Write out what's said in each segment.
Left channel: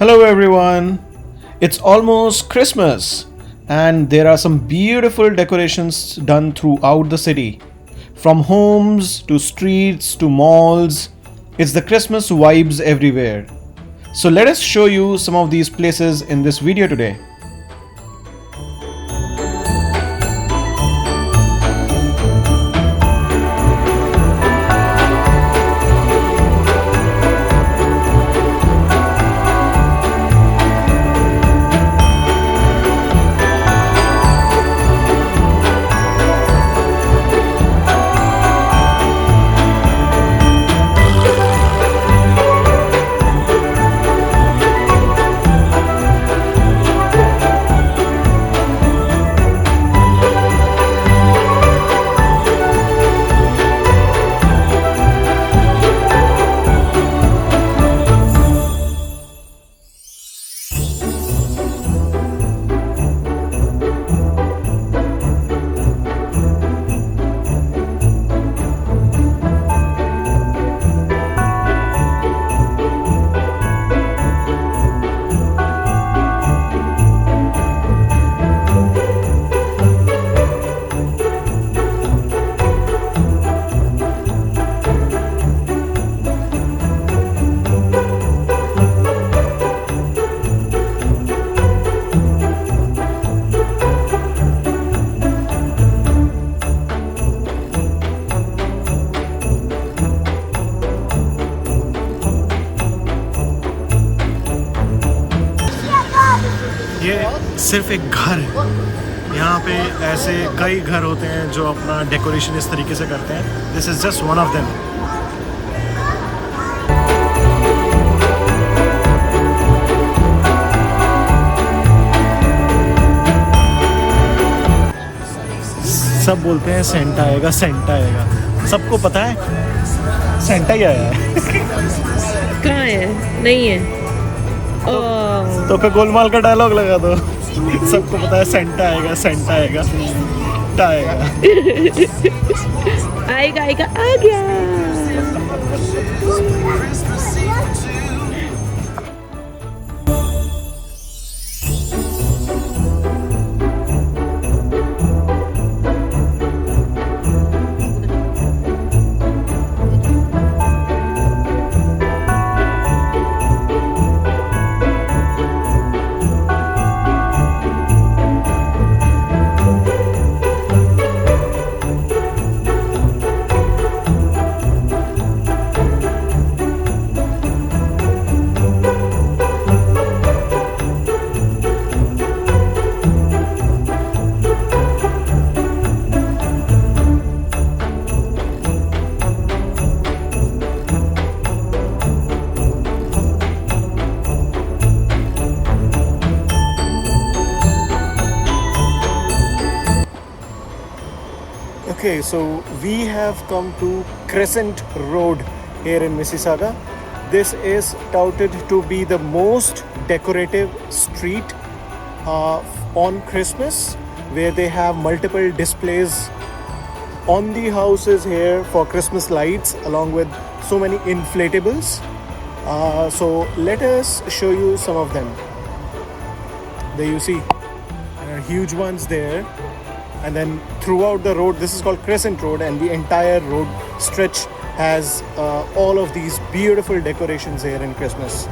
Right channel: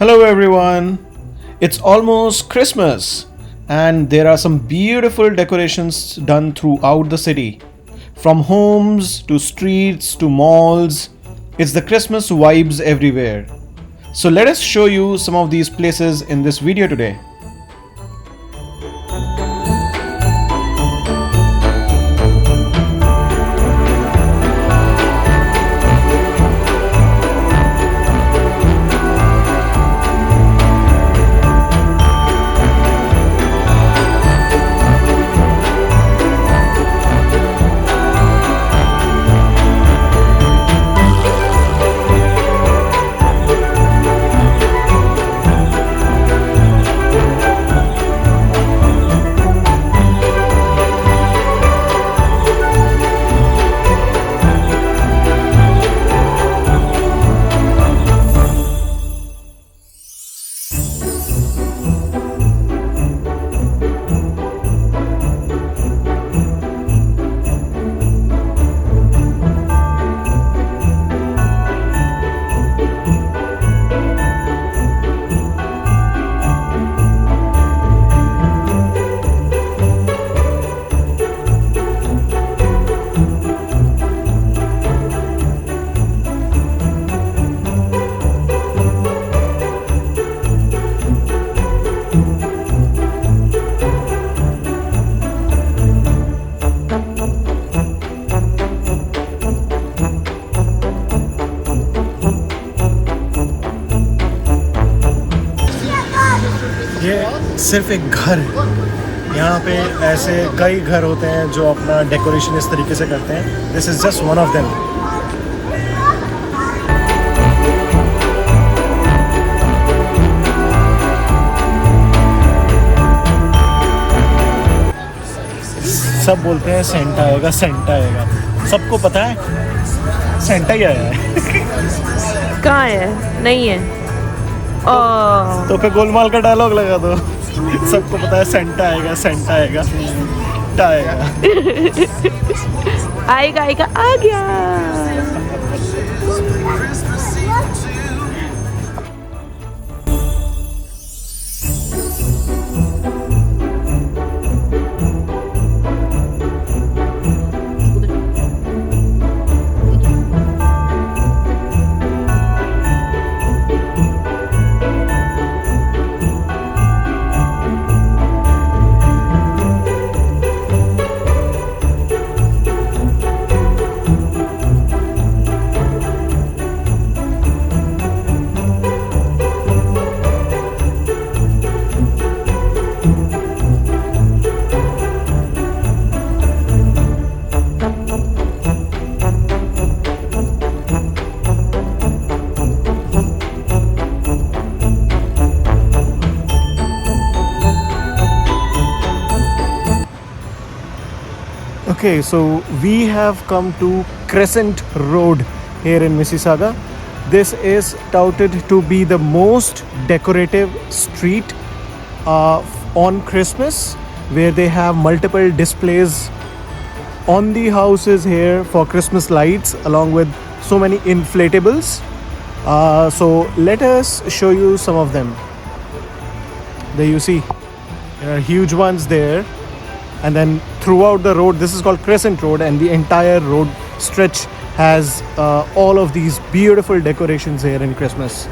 Hello everyone. It's almost Christmas and there are some beautiful decorations done throughout the city. From homes to streets to malls, it's the Christmas vibes everywhere. So let us show you some of these places in this video today. ये सिर्फ एक घर है। यहाँ पे ऐसे कई घर होते हैं जो अपना डेकोरेशन इस तरीके से करते हैं। This is just one of them. सब बोलते हैं सेंटा आएगा, सेंटा आएगा। सबको पता है सेंटा ही आया है। कहाँ है? नहीं है। तो फिर गोलमाल का डायलॉग लगा दो। सबको पता है सेंटा आएगा, सेंटा आएगा, टा आएगा। आएगा आएगा आ गया। Okay, so we have come to Crescent Road here in Mississauga. This is touted to be the most decorative street on Christmas, where they have multiple displays on the houses here for Christmas lights, along with so many inflatables. So let us show you some of them. There you see huge ones there. And then throughout the road, this is called Crescent Road, and the entire road stretch has all of these beautiful decorations here in Christmas.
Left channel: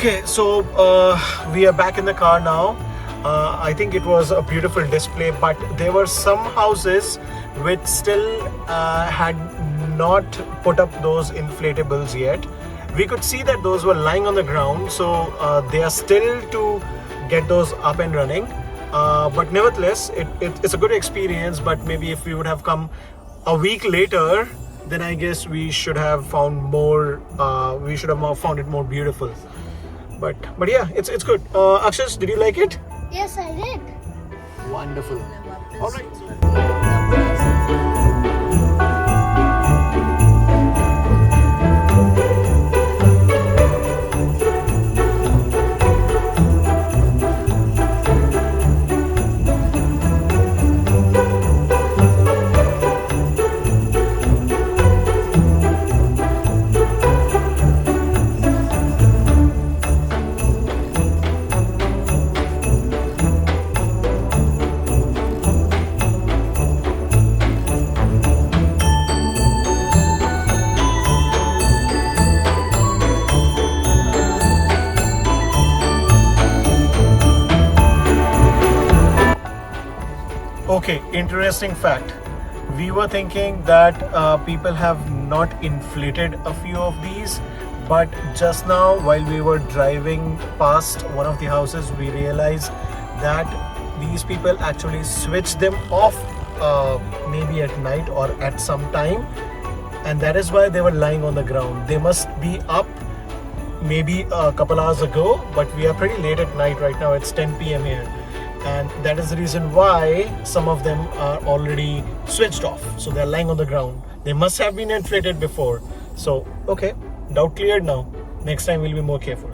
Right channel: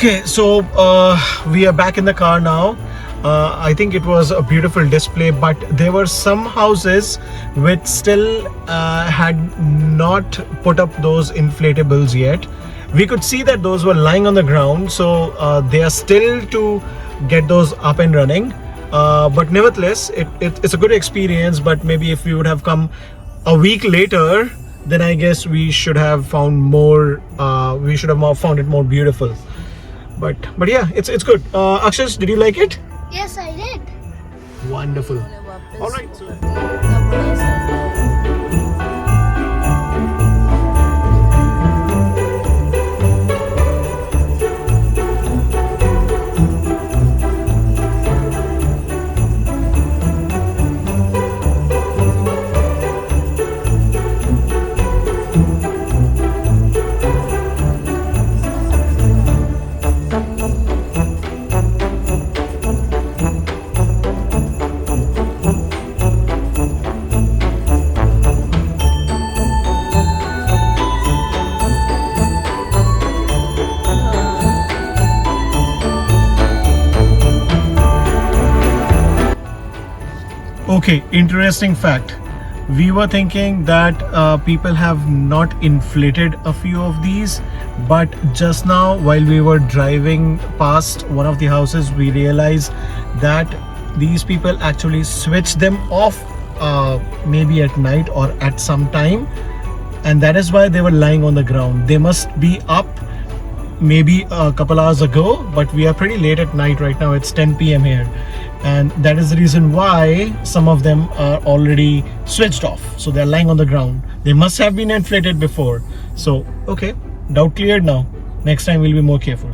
Okay, so we are back in the car now. I think it was a beautiful display, but there were some houses which still had not put up those inflatables yet. We could see that those were lying on the ground, so they are still to get those up and running. But nevertheless, it's a good experience. But maybe if we would have come a week later, then I guess we should have found more. We should have found it more beautiful. But yeah, it's good. Akshas, did you like it? Yes, I did. Wonderful. All right. Okay, interesting fact. We were thinking that people have not inflated a few of these, but just now while we were driving past one of the houses, we realized that these people actually switch them off maybe at night or at some time, and that is why they were lying on the ground. They must be up maybe a couple hours ago, but we are pretty late at night right now. It's 10 p.m. here, and that is the reason why some of them are already switched off, so they're lying on the ground. They must have been inflated before. So okay, doubt cleared now. Next time we'll be more careful.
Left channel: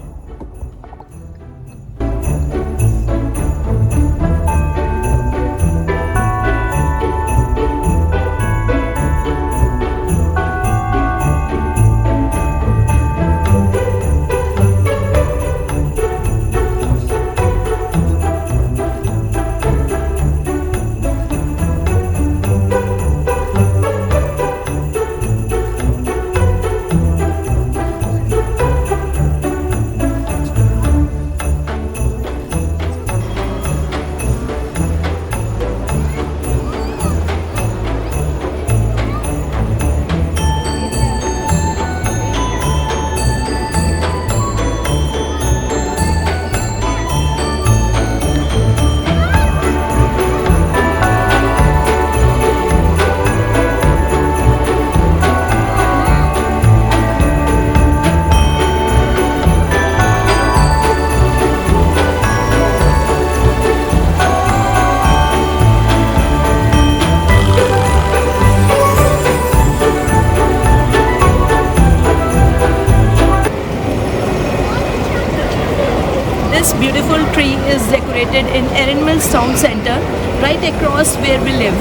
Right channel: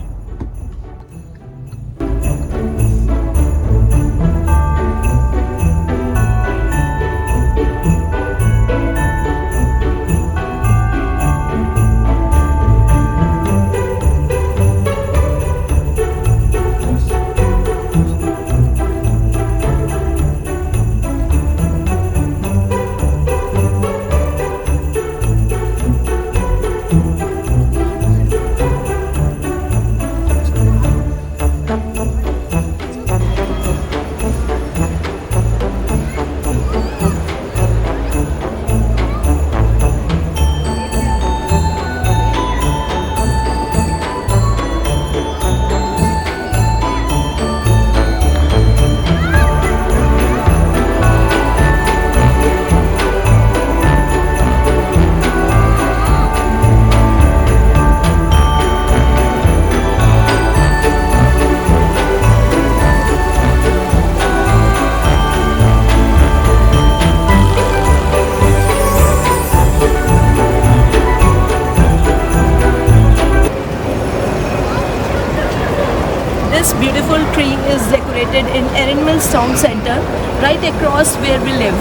This beautiful tree is decorated in Erin Mills Town Center, right across where we live.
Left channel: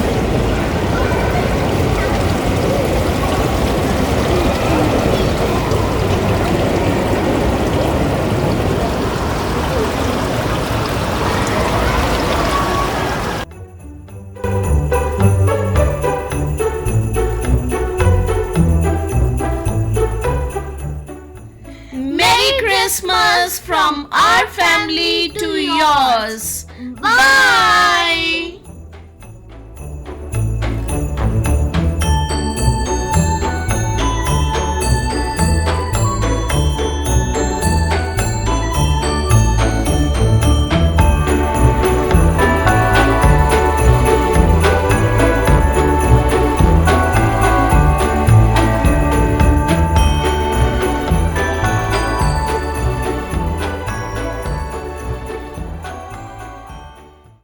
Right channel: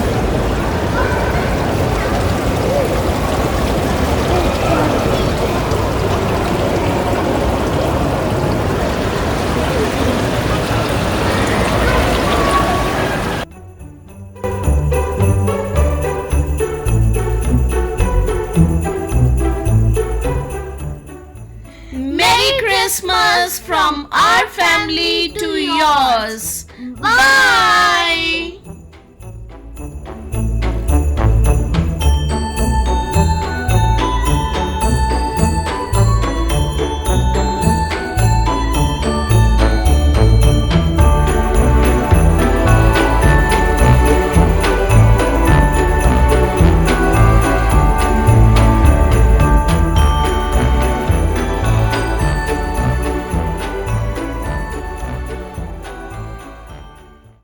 Merry Christmas from our family to yours. Bye.